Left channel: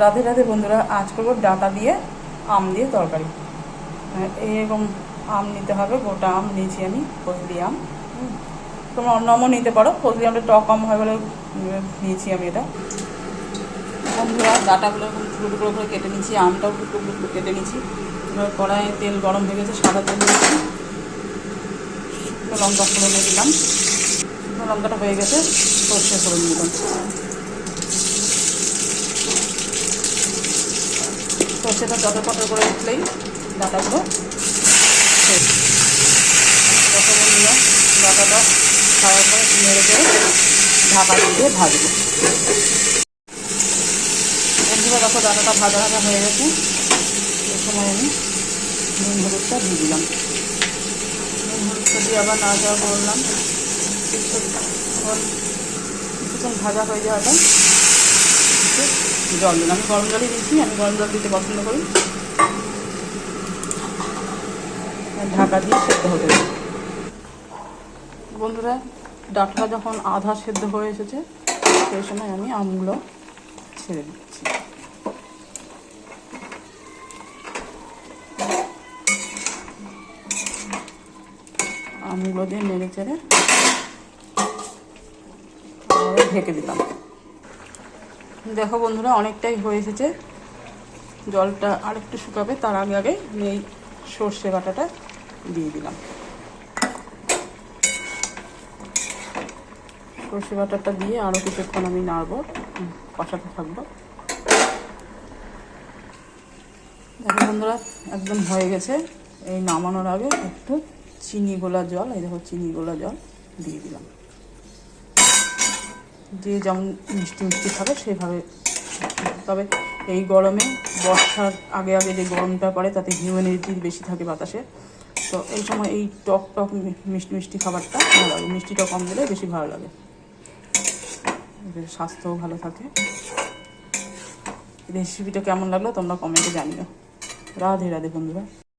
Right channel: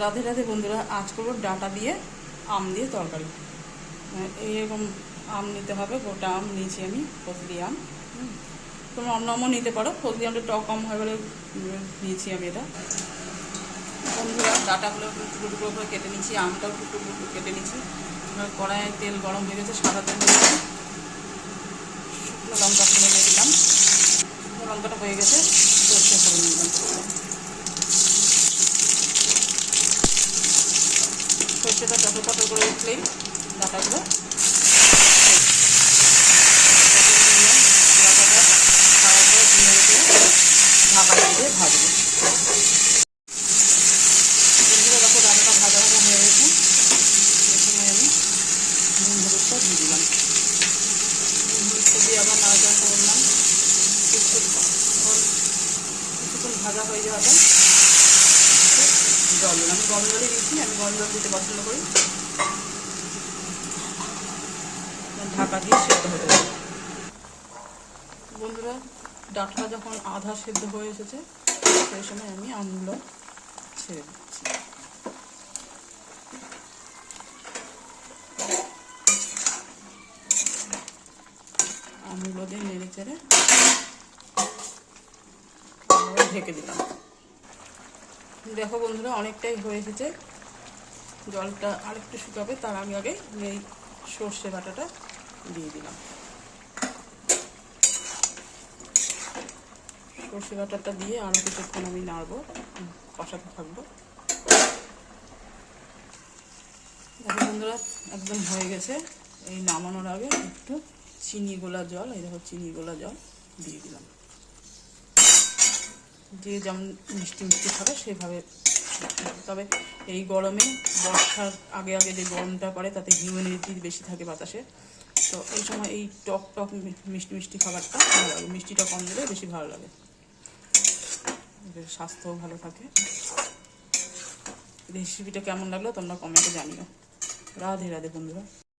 রাধে রাধে বন্ধুরা, আজ করবো ডাঁটা দিয়ে আম দিয়ে তরকারি। এইরকম আম নিতে হবে, গোটা আম নিয়েছি আমি, ফজলি আম। তোমরা অন্য আমও নিতে পারো, ফজলি আমটা টক আম হয় বলে নিয়েছি আমি এটা। বন্ধুরা ডাঁটাগুলো টুকরো টুকরো করে কেটে নিচ্ছি, আমটাও টুকরো টুকরো কেটে নিচ্ছি। এবার কড়াইয়ে তেল গরম হয়ে গেছে, সাদা তেল দিয়েছি, শুকনো লঙ্কা ফোড়নে দিলাম। শুকনো লঙ্কাটা হয়ে গেছে, সর্ষে ফোড়ন দিলাম। সর্ষেটা চটর পটর করে উঠলেই ডাঁটাগুলো নিয়ে ডাঁটাটা খাওয়ার পরে নেড়ে চেড়ে ঢাকা দিয়ে ভাজবো। বন্ধুরা দেখো ডাঁটাটা ভাজা ভাজা হয়ে গেছে। এই সময় আমি নুন হলুদটা দিয়ে দিলাম। নুন হলুদটা দিয়ে আবার নাড়াচাড়া করলাম। কিছুক্ষণ ভাজা হয়ে যাওয়াটা জল দিলাম। আমি গরম জলই দিয়েছি, আমি গরম জল দিতে পছন্দ করি। ঢাকা দিয়ে সেদ্ধ হতে দিই। বন্ধুরা ডাঁটা যখন আধা সেদ্ধ হয়ে এসেছে, সেই সময় আমি আমগুলো ছেড়ে দিচ্ছি। আমগুলো দিয়ে নেড়ে চেড়ে ঢেকে দিলাম। দেখো বন্ধুরা অনেকটাই হয়ে এসেছে, জলটা আরেকটু শুকাবে, তার আগে আগে আমি এই সর্ষে বাটাটা দিয়ে দিলাম। সর্ষে বাটাটা দিয়ে আরও কিছুক্ষণ আমি নাড়বো, কষাতে থাকবো। দেখো বন্ধুরা একদম হয়ে গেছে। এই নামানোর আগে একটু চিনি গোলা জল, এই দেখো চিনি গোলা জল দিয়ে দিলাম। দিয়ে যেমন মিষ্টি মিষ্টি খাবে সেভাবে। তবে এই গরমে, বর্ষার আগে আগে যে গরমটা পড়ে, তাতে হিউমিডিটি বেশি থাকে বাতাসে, তো এই সময় এই টক টক মিষ্টি মিষ্টি খাবারটা ভালো লাগে। মিষ্টিটা কম দিলে বেশি ভালো লাগে, স্বাস্থ্যও ভালো থাকে। রেসিপিটা কেমন লাগলো তোমরা কমেন্টে জানিও। রাধে রাধে বন্ধুরা।